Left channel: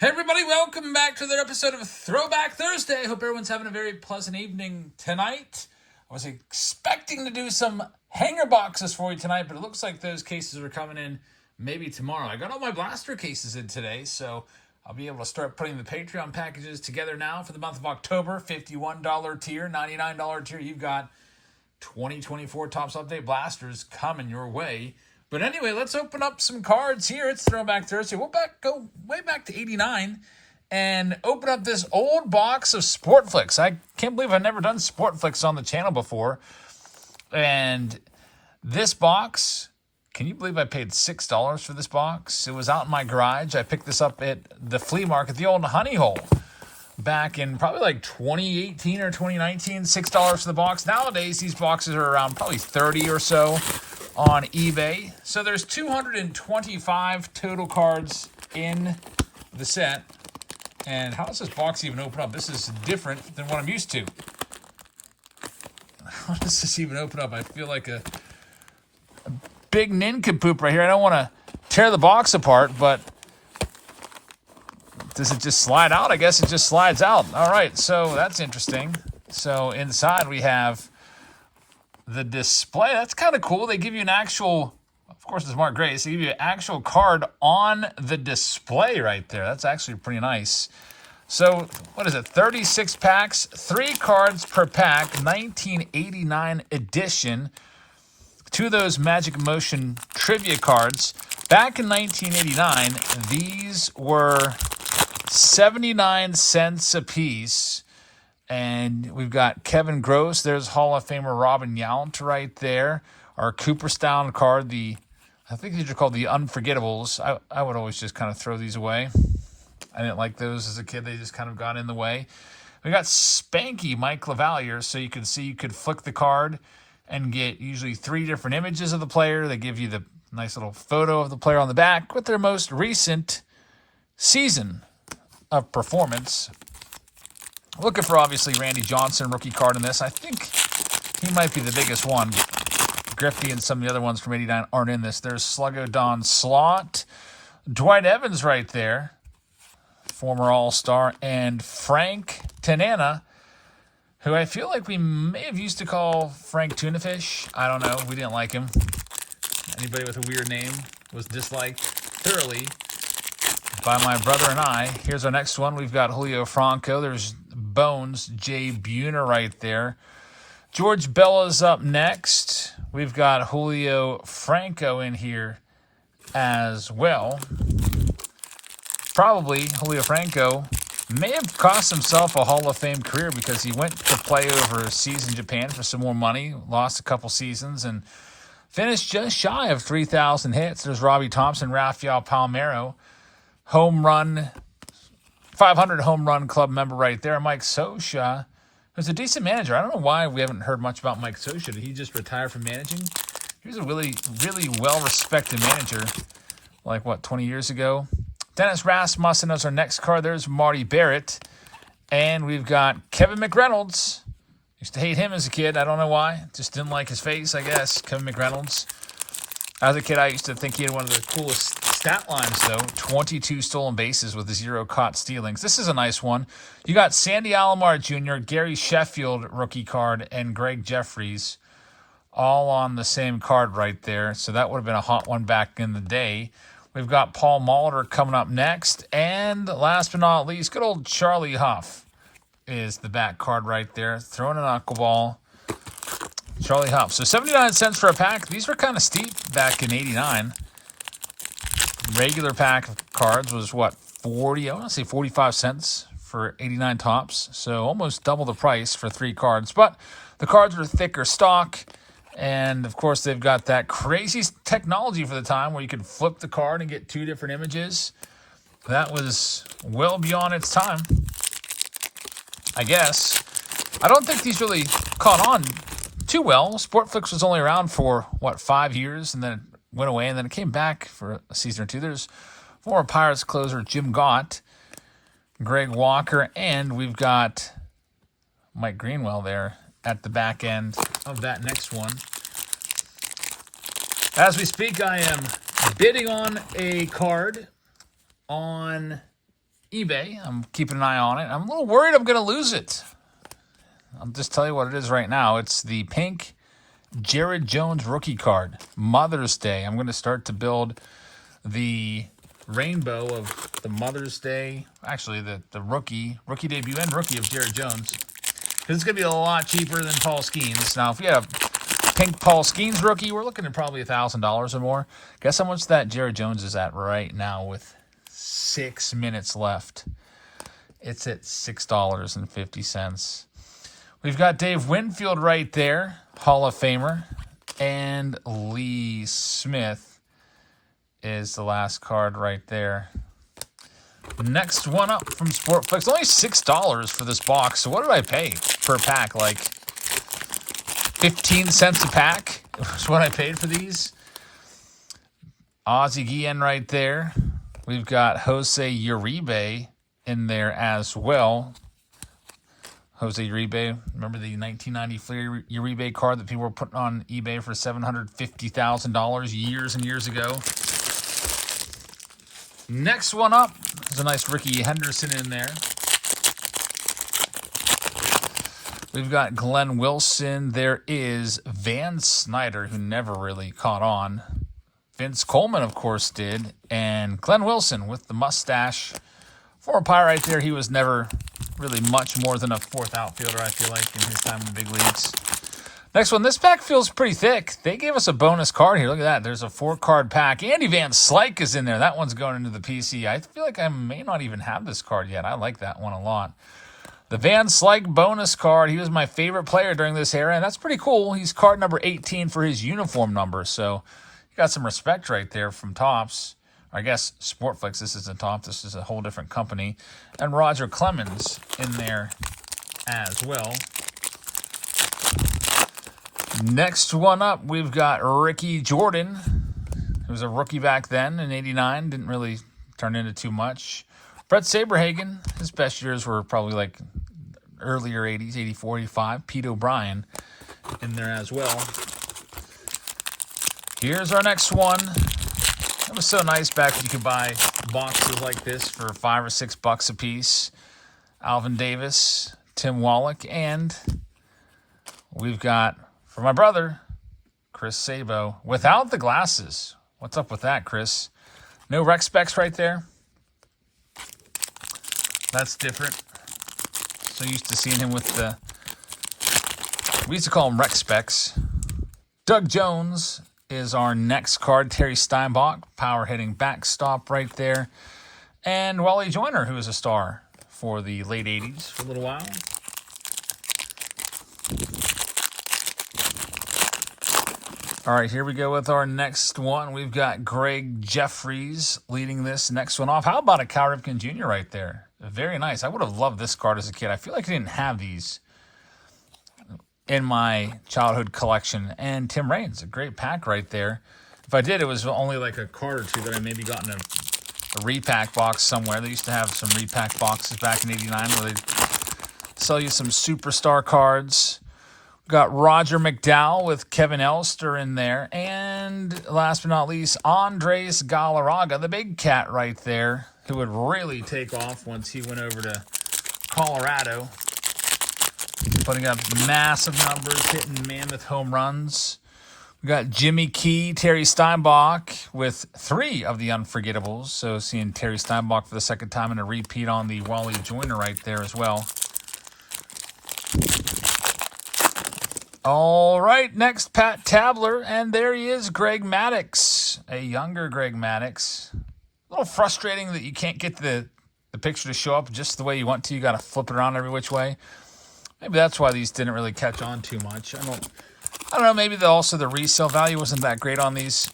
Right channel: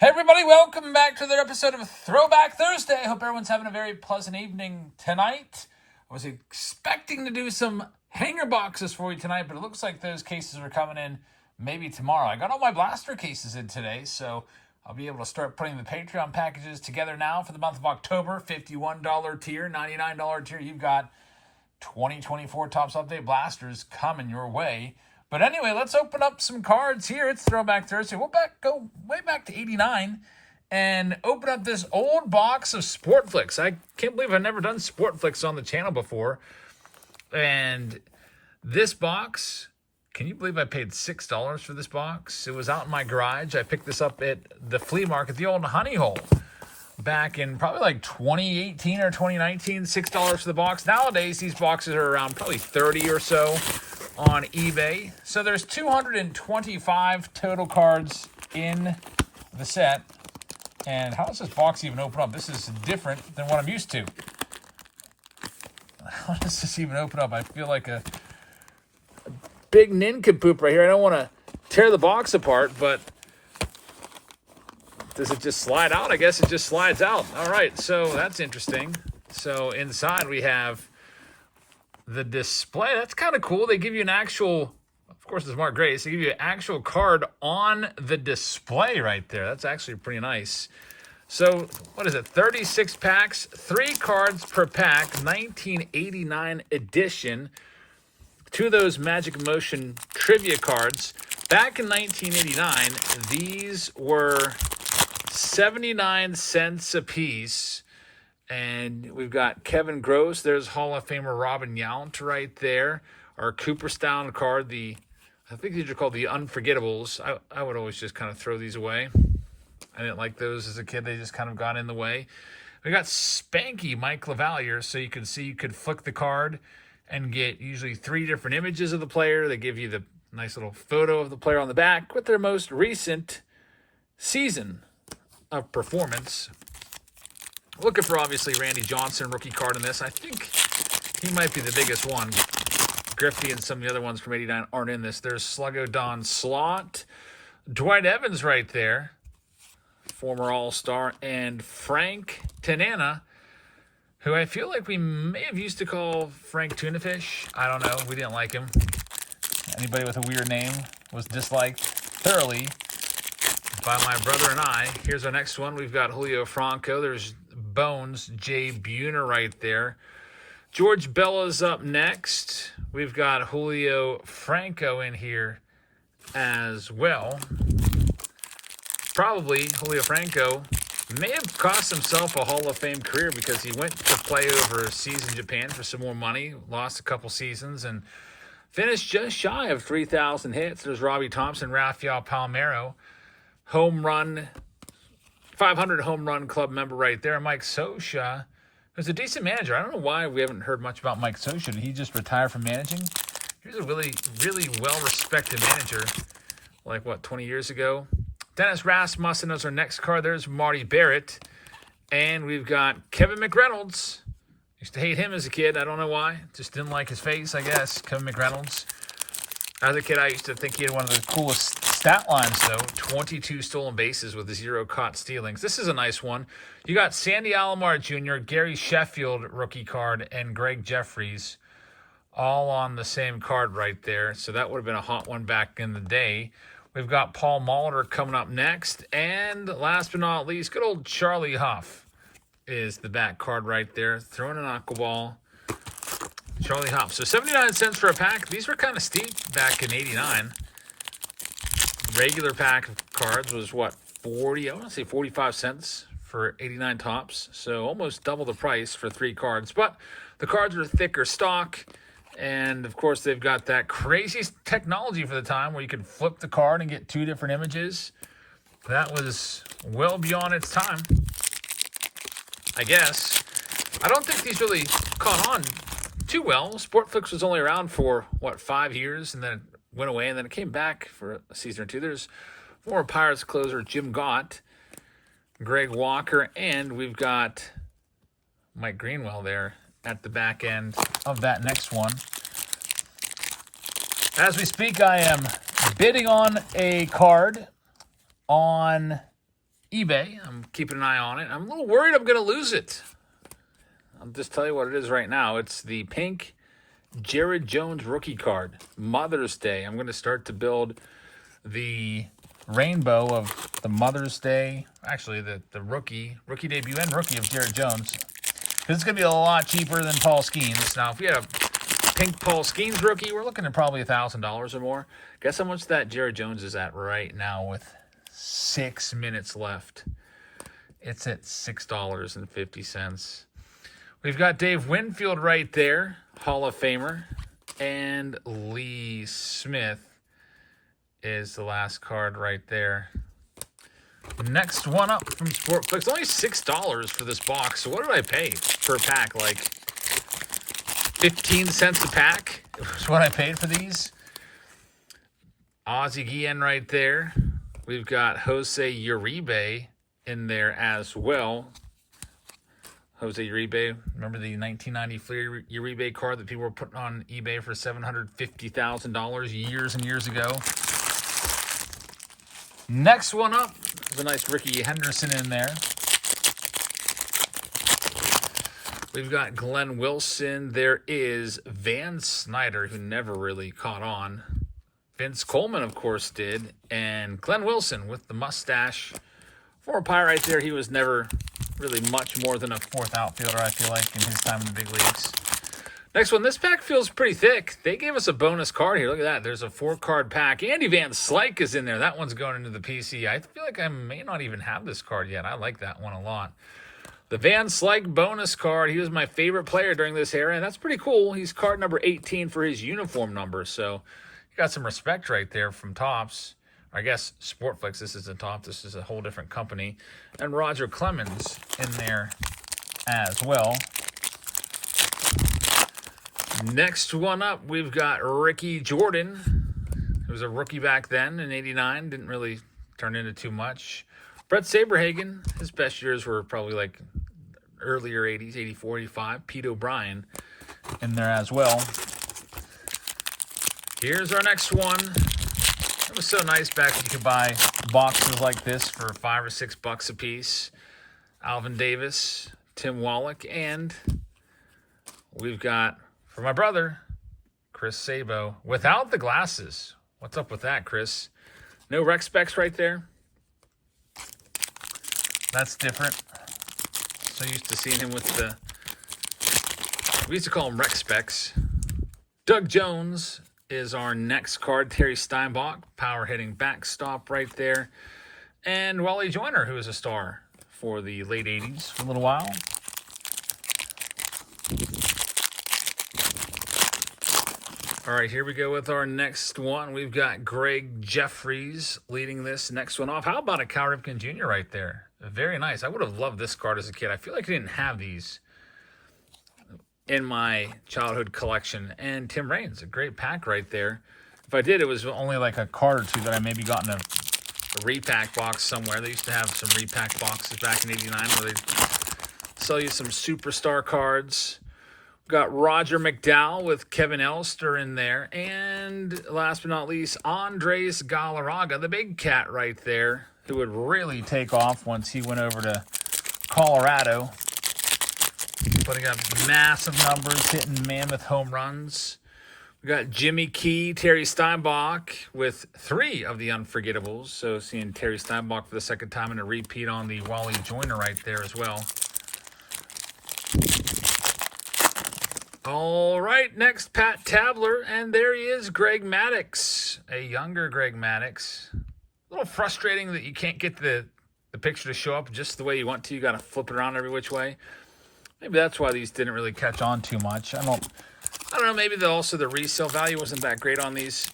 Hey everybody, welcome back to another episode of Throwback Thursday. I hope everyone's having a very pleasant evening tonight. I was expecting to do some hanger boxes for you tonight, but it looks like those cases are coming in maybe tomorrow. I got all my blaster cases in today, so I'll be able to start putting the Patreon packages together now for the month of October. $51 tier, $99 tier. You've got 2024 Topps Update blasters coming your way. But anyway, let's open up some cards here. It's Throwback Thursday. We'll go way back to 89 and open up this old box of Sportflics. I can't believe I've never done Sportflics on the channel before. And this box, can you believe I paid $6 for this box? It was out in my garage. I picked this up at the flea market, the old Honey Hole, back in probably like 2018 or 2019, $6 for the box. Nowadays, these boxes are around probably 30 or so on eBay. So there's 225 total cards in the set. And how does this box even open up? This is different than what I'm used to. How does this even open up? I feel like a big nincompoop right here. I don't want to tear the box apart, but does it just slide out? I guess it just slides out. All right, so that's interesting. So inside we have the display. That's kind of cool. They give you an actual, of course it's Mark Grace, they give you an actual card on the display right there. That's actually pretty nice. So what is it, 36 packs, 3 cards per pack, 1989 edition. 2 of those Magic Motion trivia cards. Back in 1989, these were 79 cents a piece. And we've got Kevin Gross. There's Hall of Famer Robin Yount right there. Our Cooperstown card, I think these are called the Unforgettables. I would always just kind of throw these away. I didn't like those as a kid. They just kind of got in the way. We got Spanky Mike LaValliere. So you can see you could flick the card and get usually 3 different images of the player. They give you the nice little photo of the player on the back with their most recent season of performance. Looking for, obviously, Randy Johnson, rookie card in this. I think he might be the biggest one. Griffey and some of the other ones from 89 aren't in this. There's Sluggo Don Slott. Dwight Evans right there, former All-Star. And Frank Tanana, who I feel like we may have used to call Frank Tunafish. I don't know. We didn't like him. Anybody with a weird name was disliked thoroughly by my brother and I. Here's our next one. We've got Julio Franco. There's Bones, Jay Buhner right there. George Bella's up next. We've got Julio Franco in here as well. Probably Julio Franco may have cost himself a Hall of Fame career because he went to play overseas in Japan for some more money, lost a couple seasons, and finished just shy of 3,000 hits. There's Robbie Thompson, Rafael Palmeiro, home run, 500 home run club member right there. Mike Scioscia, who's a decent manager. I don't know why we haven't heard much about Mike Scioscia. Did he just retire from managing? He was a really, really well-respected manager, like, 20 years ago? Dennis Rasmussen is our next card. There's Marty Barrett. And we've got Kevin McReynolds. Used to hate him as a kid. I don't know why. Just didn't like his face, I guess. Kevin McReynolds. As a kid, I used to think he had one of the coolest stat lines, though. 22 stolen bases with 0 caught stealings. This is a nice one. You got Sandy Alomar Jr., Gary Sheffield rookie card, and Greg Jeffries all on the same card right there. So that would have been a hot one back in the day. We've got Paul Molitor coming up next. And last but not least, good old Charlie Huff is the back card right there. Throwing an knuckleball. Charlie Huff. So 79 cents for a pack. These were kind of steep back in 89. Regular pack of cards was, 45 cents for 89 tops. So almost double the price for 3 cards. But the cards are thicker stock. And, of course, they've got that crazy technology for the time where you could flip the card and get 2 different images. That was well beyond its time, I guess. I don't think these really caught on too well. Sportflics was only around for, 5 years, and then it went away, and then it came back for a season or 2. There's former Pirates closer Jim Gott, Greg Walker, and we've got Mike Greenwell there at the back end of that next one. As we speak, I am bidding on a card on eBay. I'm keeping an eye on it. I'm a little worried I'm going to lose it. I'll just tell you what it is right now. It's the pink Jared Jones rookie card. Mother's Day. I'm going to start to build the rainbow of the Mother's Day. Actually, the rookie debut and rookie of Jared Jones. Because it's going to be a lot cheaper than Paul Skeens. Now, if we have pink Paul Skeens rookie, we're looking at probably $1,000 or more. Guess how much that Jared Jones is at right now with 6 minutes left. It's at $6.50. We've got Dave Winfield right there, Hall of Famer, and Lee Smith is the last card right there. Next one up from Sportflics. Only $6 for this box. So what did I pay per pack? Like 15 cents a pack is what I paid for these. Ozzie Guillen right there. We've got Jose Uribe in there as well. Jose Uribe, remember the 1994 Uribe card that people were putting on eBay for $750,000 years and years ago? Next one up, there's a nice Ricky Henderson in there. We've got Glenn Wilson. There is Van Snyder, who never really caught on. Vince Coleman, of course, did. And Glenn Wilson with the mustache. For a Pie right there, he was never really much more than a fourth outfielder, I feel like, in his time in the big leagues. Next one, this pack feels pretty thick. They gave us a bonus card here. Look at that. There's a 4-card pack. Andy Van Slyke is in there. That one's going into the PC. I feel like I may not even have this card yet. I like that one a lot. The Van Slyke bonus card. He was my favorite player during this era, and that's pretty cool. He's card number 18 for his uniform number, so you got some respect right there from Topps. I guess Sportflics, this isn't Top. This is a whole different company. And Roger Clemens in there as well. Next one up, we've got Ricky Jordan. He was a rookie back then in '89. Didn't really turn into too much. Brett Saberhagen, his best years were probably like earlier 80s, 84, 85. Pete O'Brien in there as well. Here's our next one. It was so nice back when you could buy boxes like this for $5 or $6 a piece. Alvin Davis, Tim Wallach, and we've got, for my brother, Chris Sabo, without the glasses. What's up with that, Chris? No rec specs right there. That's different. So used to seeing him with the, we used to call him rec specs. Doug Jones is our next card. Terry Steinbach, power hitting backstop right there. And Wally Joyner, who is a star for the late 80s for a little while. All right, here we go with our next one. We've got Greg Jeffries leading this next one off. How about a Cal Ripken Jr. right there? Very nice. I would have loved this card as a kid. I feel like I didn't have these in my childhood collection. And Tim Raines, a great pack right there. If I did, it was only like a card or two that I maybe got in a repack box somewhere. They used to have some repack boxes back in '89 where they'd sell you some superstar cards. We've got Roger McDowell with Kevin Elster in there. And last but not least, Andres Galarraga, the big cat right there, who would really take off once he went over to Colorado. Putting up massive numbers, hitting mammoth home runs. We got Jimmy Key, Terry Steinbach with 3 of the unforgettables. So seeing Terry Steinbach for the second time and a repeat on the Wally Joyner right there as well. All right, next Pat Tabler, and there he is, Greg Maddux, a younger Greg Maddux. A little frustrating that you can't get the picture to show up just the way you want to. You got to flip it around every which way. Maybe that's why these didn't really catch on too much. I don't know. Maybe also the resale value wasn't that great on these.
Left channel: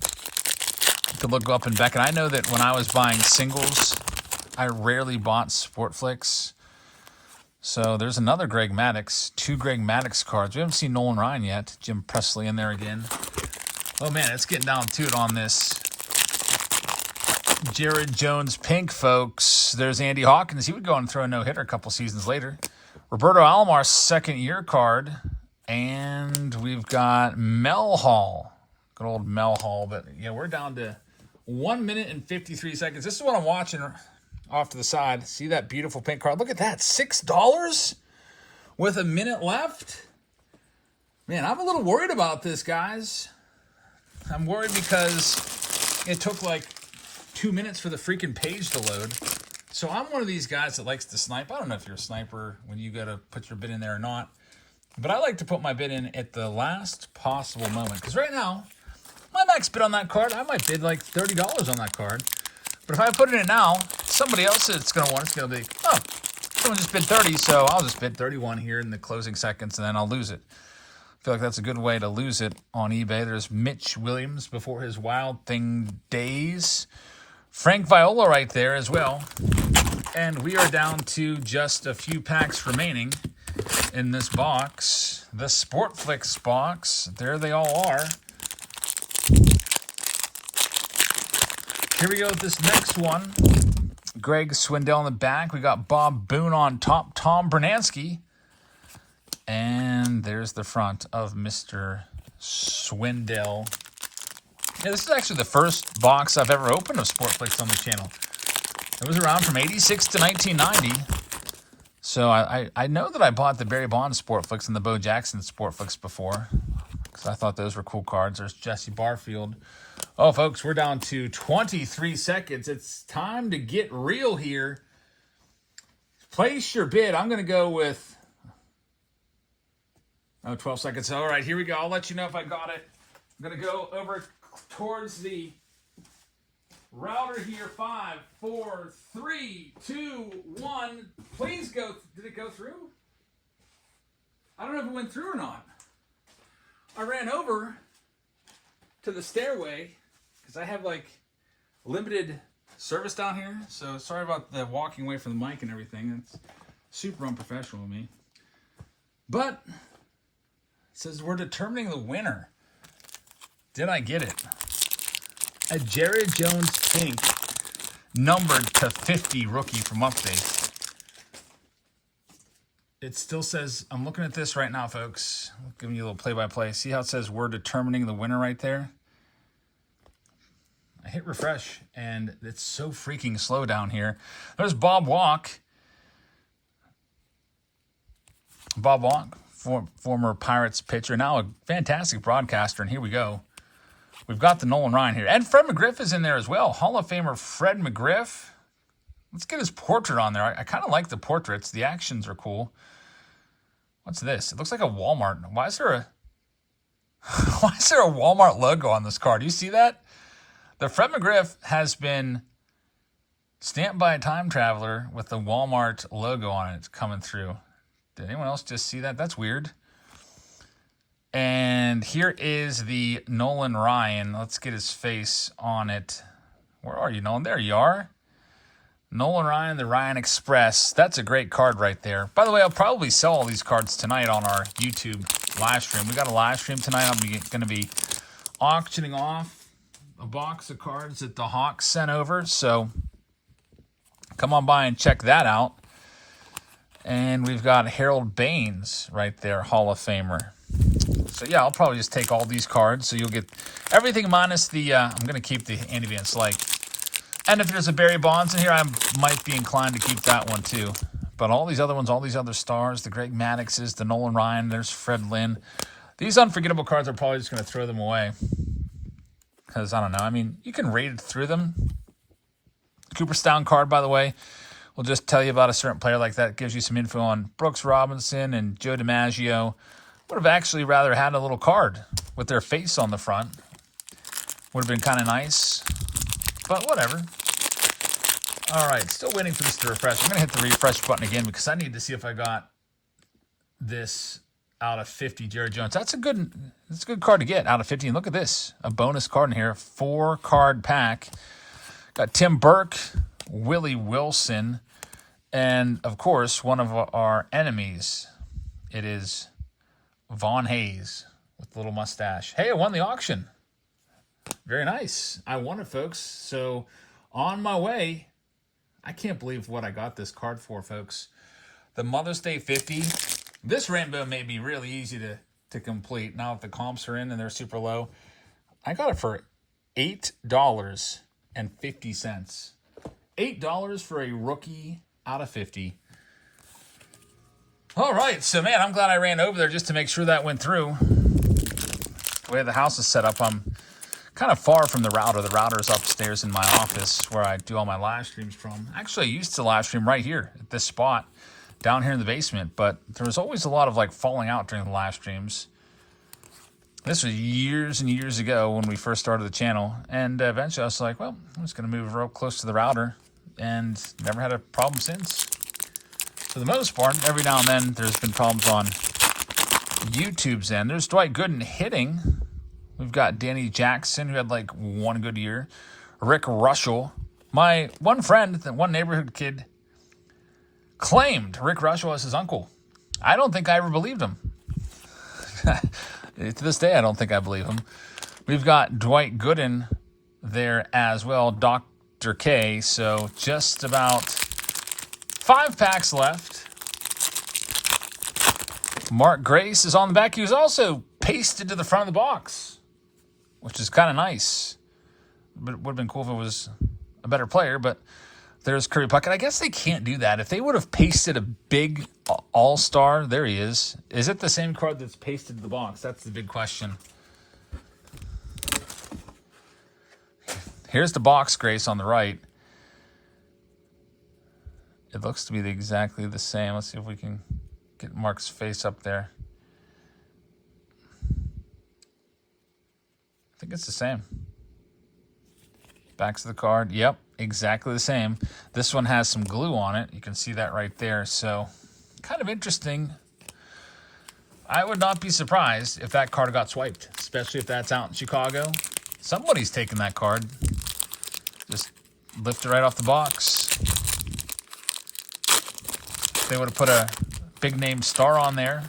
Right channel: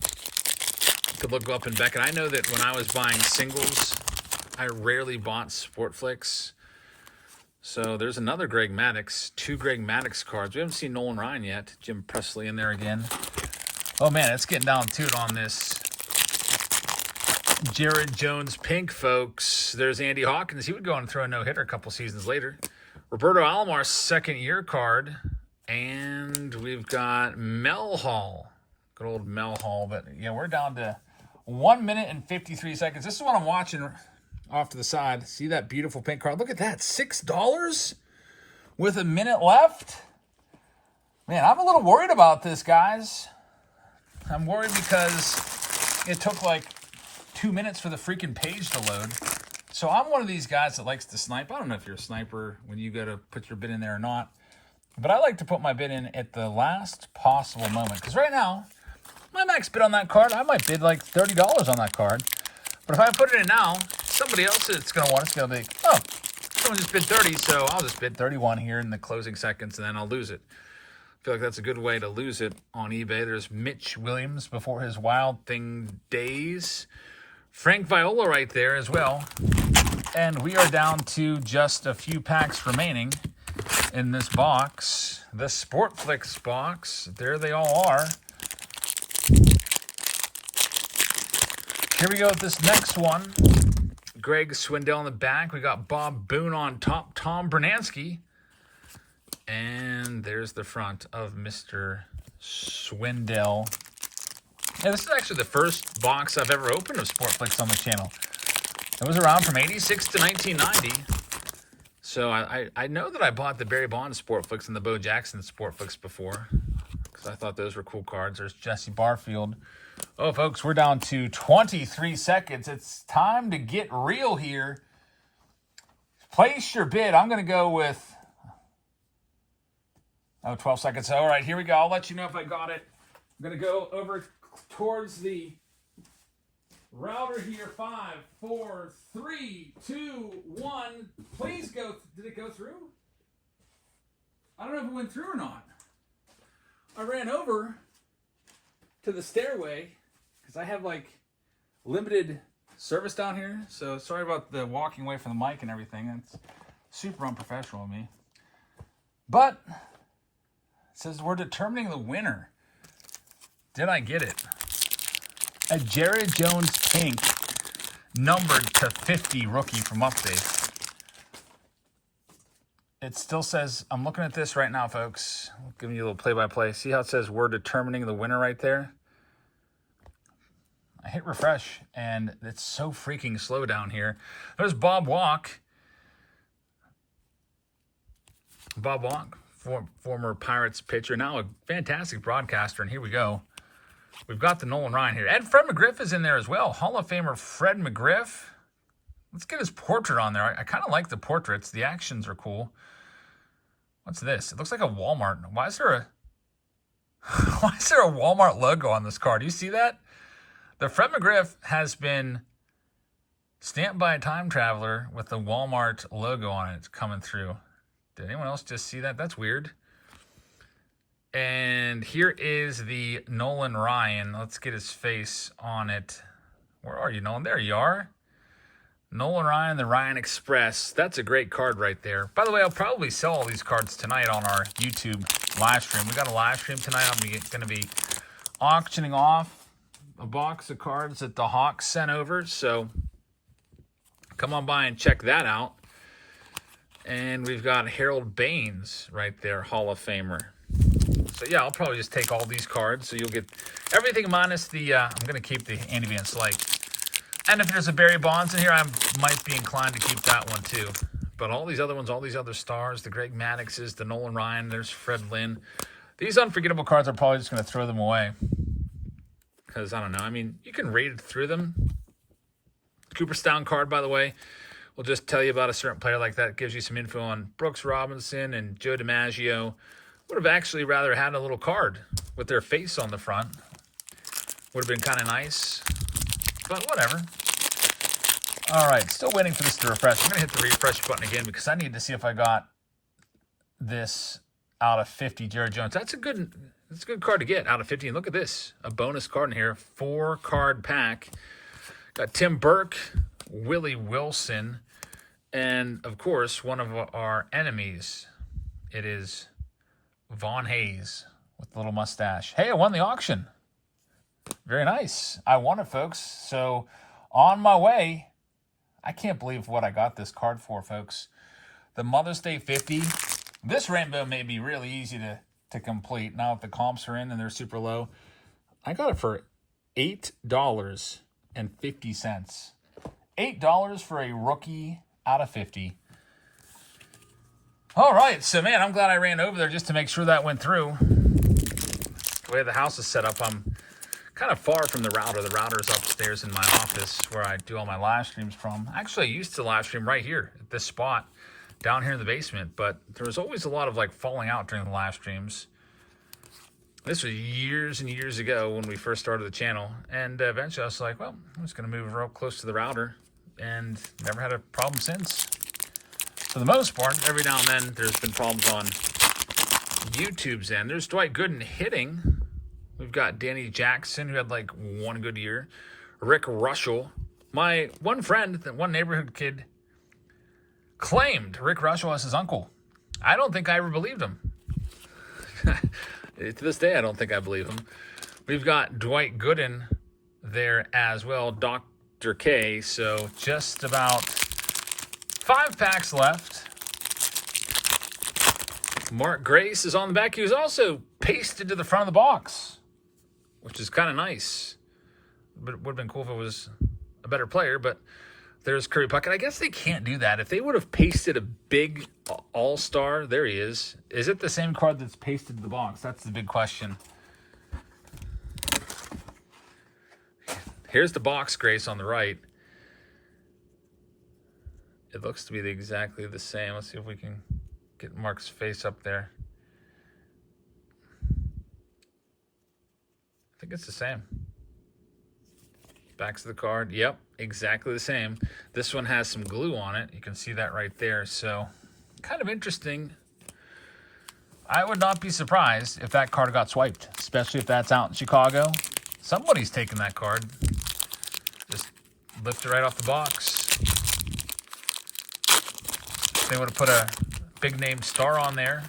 You could look up and back. And I know that when I was buying singles, I rarely bought Sportflics. So there's another Greg Maddux, 2 Greg Maddux cards. We haven't seen Nolan Ryan yet. Jim Presley in there again. Oh man, it's getting down to it on this Jared Jones pink, folks. There's Andy Hawkins. He would go and throw a no-hitter a couple seasons later. Roberto Alomar's second-year card. And we've got Mel Hall. Good old Mel Hall. But, yeah, we're down to 1 minute and 53 seconds. This is what I'm watching off to the side. See that beautiful pink card? Look at that, $6 with a minute left. Man, I'm a little worried about this, guys. I'm worried because it took like 2 minutes for the freaking page to load. So I'm one of these guys that likes to snipe. I don't know if you're a sniper when you go to put your bid in there or not. But I like to put my bid in at the last possible moment. Because right now, my max bid on that card, I might bid like $30 on that card. But if I put it in now, somebody else that's going to want it's going to be, oh, someone just bid 30, so I'll just bid 31 here in the closing seconds, and then I'll lose it. I feel like that's a good way to lose it on eBay. There's Mitch Williams before his Wild Thing days. Frank Viola right there as well. And we are down to just a few packs remaining in this box. The Sportflics box. There they all are. Here we go with this next one. Greg Swindell in the back. We got Bob Boone on top. Tom Bernansky. And there's the front of Mr. Swindell. Yeah, this is actually the first box I've ever opened of Sportflics on the channel. It was around from 86 to 1990. So I know that I bought the Barry Bonds Sportflics and the Bo Jackson Sportflics before, because I thought those were cool cards. There's Jesse Barfield. Oh, folks, we're down to 23 seconds. It's time to get real here. Place your bid. I'm going to go with 12 seconds. All right, here we go. I'll let you know if I got it. I'm going to go over towards the router here. 5, 4, 3, 2, 1. Please go. Did it go through? I don't know if it went through or not. I ran over to the stairway because I have like limited service down here. So sorry about the walking away from the mic and everything. It's super unprofessional of me. But it says we're determining the winner. Did I get it? A Jared Jones pink, numbered to 50 rookie from Update. It still says, I'm looking at this right now, folks. I'm giving you a little play-by-play. See how it says we're determining the winner right there? I hit refresh, and it's so freaking slow down here. There's Bob Walk. Bob Walk, former Pirates pitcher, now a fantastic broadcaster, and here we go. We've got the Nolan Ryan here. And Fred McGriff is in there as well. Hall of Famer Fred McGriff. Let's get his portrait on there. I kind of like the portraits. The actions are cool. What's this? It looks like a Walmart. Why is there a Walmart logo on this card? Do you see that? The Fred McGriff has been stamped by a time traveler with the Walmart logo on it coming through. Did anyone else just see that? That's weird. And here is the Nolan Ryan. Let's get his face on it. Where are you, Nolan? There you are. Nolan Ryan, the Ryan Express. That's a great card right there. By the way, I'll probably sell all these cards tonight on our YouTube live stream. We got a live stream tonight. I'm going to be auctioning off a box of cards that the Hawks sent over. So come on by and check that out. And we've got Harold Baines right there, Hall of Famer. So yeah, I'll probably just take all these cards. So you'll get everything minus the, I'm going to keep the Andy Van Slyke. And if there's a Barry Bonds in here, I might be inclined to keep that one too. But all these other ones, all these other stars, the Greg Maddoxes, the Nolan Ryan, there's Fred Lynn. These unforgettable cards, are probably just going to throw them away. Because, I don't know, I mean, you can raid through them. Cooperstown card, by the way, will just tell you about a certain player like that. It gives you some info on Brooks Robinson and Joe DiMaggio. Would have actually rather had a little card with their face on the front. Would have been kind of nice. But whatever. All right, still waiting for this to refresh. I'm going to hit the refresh button again because I need to see if I got this out of 50 Jared Jones. That's a good card to get out of 50. And look at this, a bonus card in here, 4-card pack. Got Tim Burke, Willie Wilson, and of course, one of our enemies. It is Vaughn Hayes with a little mustache. Hey, I won the auction. Very nice. I won it, folks. So on my way, I can't believe what I got this card for, folks. The Mother's Day 50. This rainbow may be really easy to complete. Now if the comps are in and they're super low, I got it for $8.50. $8 for a rookie out of 50. All right, so man, I'm glad I ran over there just to make sure that went through. The way the house is set up, I'm kind of far from the router. The router's upstairs in my office where I do all my live streams from. Actually, I used to live stream right here at this spot down here in the basement, but there was always a lot of like falling out during the live streams. This was years and years ago when we first started the channel, and eventually I was like, well, I'm just going to move real close to the router, and never had a problem since. For the most part, every now and then there's been problems on YouTube's end. There's Dwight Gooden hitting. We've got Danny Jackson, who had like one good year. Rick Russell. My one friend, one neighborhood kid, claimed Rick Russell as his uncle. I don't think I ever believed him. To this day, I don't think I believe him. We've got Dwight Gooden there as well, Dr. K. So just about 5 packs left. Mark Grace is on the back. He was also pasted to the front of the box, which is kind of nice. But it would have been cool if it was a better player, but there's Curry Puckett. I guess they can't do that. If they would have pasted a big all-star, there he is. Is it the same card that's pasted to the box? That's the big question. Here's the box Grace on the right. It looks to be exactly the same. Let's see if we can get Mark's face up there. I think it's the same. Backs of the card. Yep, exactly the same. This one has some glue on it. You can see that right there. So, kind of interesting. I would not be surprised if that card got swiped, especially if that's out in Chicago. Somebody's taking that card. Just lift it right off the box. They would have put a big name star on there.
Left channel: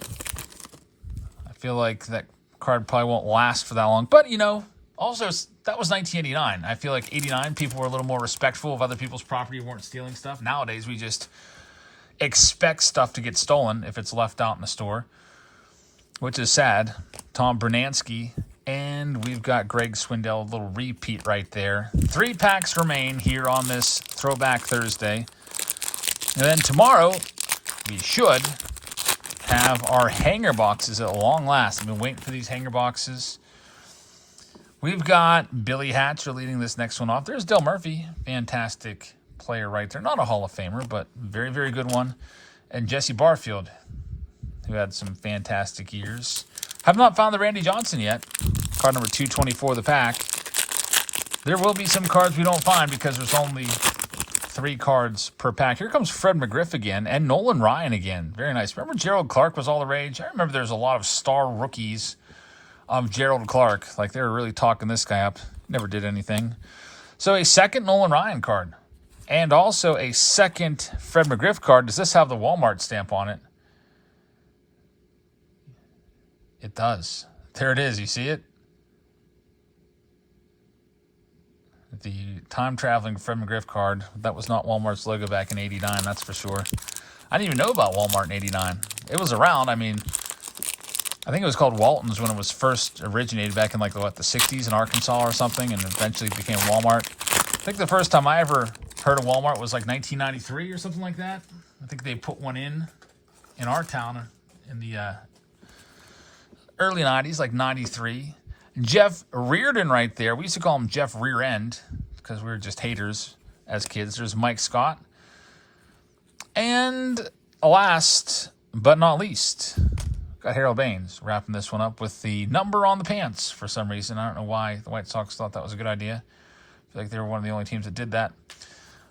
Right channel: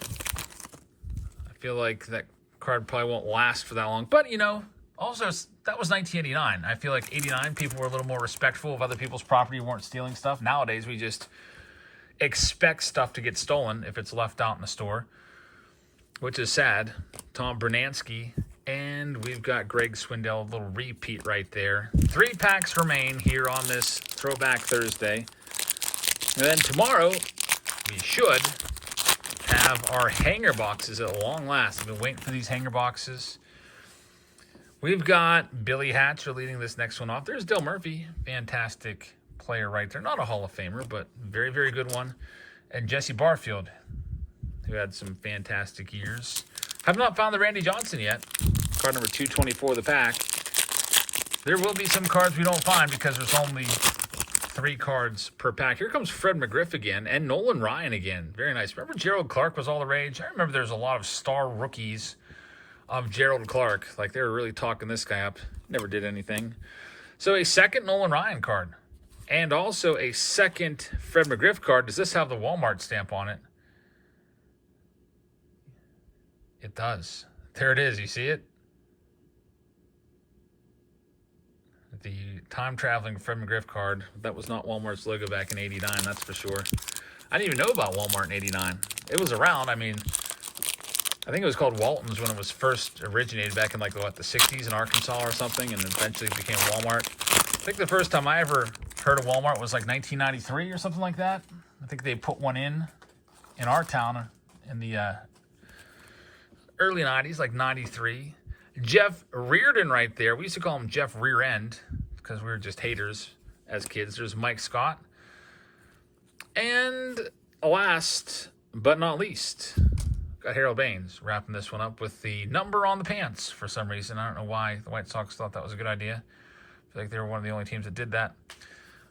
I feel like that card probably won't last for that long. But, you know, also, that was 1989. I feel like 89 people were a little more respectful of other people's property, weren't stealing stuff. Nowadays, we just expect stuff to get stolen if it's left out in the store, which is sad. Tom Bernansky, and we've got Greg Swindell, a little repeat right there. 3 packs remain here on this Throwback Thursday. And then tomorrow, we should have our hanger boxes at long last. I've been waiting for these hanger boxes. We've got Billy Hatcher leading this next one off. There's Dale Murphy, fantastic player right there. Not a Hall of Famer, but very, very good one. And Jesse Barfield, who had some fantastic years. Have not found the Randy Johnson yet. Card number 224 of the pack. There will be some cards we don't find because there's only 3 cards per pack. Here comes Fred McGriff again and Nolan Ryan again. Very nice. Remember Gerald Clark was all the rage? I remember there's a lot of star rookies of Gerald Clark. Like, they were really talking this guy up. Never did anything. So a second Nolan Ryan card. And also a second Fred McGriff card. Does this have the Walmart stamp on it? It does. There it is. You see it? The time-traveling Fred McGriff card. That was not Walmart's logo back in 89, that's for sure. I didn't even know about Walmart in 89. It was around. I mean, I think it was called Walton's when it was first originated back in, like, what, the 60s in Arkansas or something, and eventually became Walmart. I think the first time I ever heard of Walmart was, like, 1993 or something like that. I think they put one in our town in the early 90s, like 93. Jeff Reardon right there. We used to call him Jeff Rear End because we were just haters as kids. There's Mike Scott. And last but not least, got Harold Baines wrapping this one up with the number on the pants for some reason. I don't know why the White Sox thought that was a good idea. I feel like they were one of the only teams that did that.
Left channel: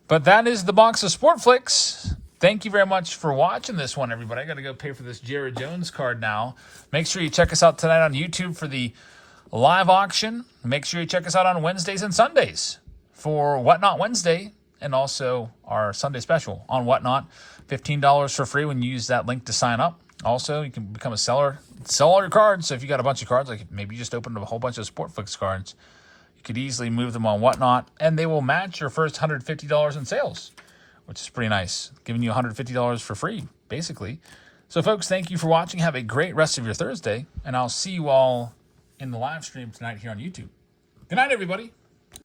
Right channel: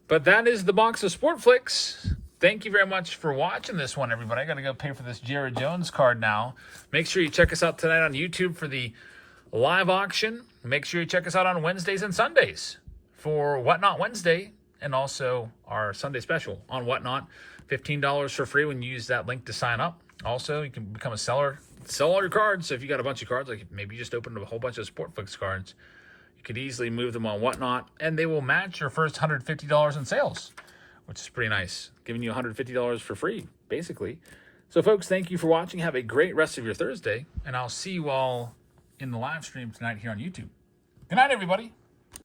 But that is the box of Sportflics. Thank you very much for watching this one, everybody. I got to go pay for this Jared Jones card now. Make sure you check us out tonight on YouTube for the live auction. Make sure you check us out on Wednesdays and Sundays for Whatnot Wednesday, and also our Sunday special on Whatnot. $15 for free when you use that link to sign up. Also, you can become a seller. Sell all your cards. So if you got a bunch of cards, like maybe you just opened up a whole bunch of Sportflics cards, you could easily move them on Whatnot, and they will match your first $150 in sales, which is pretty nice. Giving you $150 for free, basically. So, folks, thank you for watching. Have a great rest of your Thursday, and I'll see you all in the live stream tonight here on YouTube. Good night, everybody.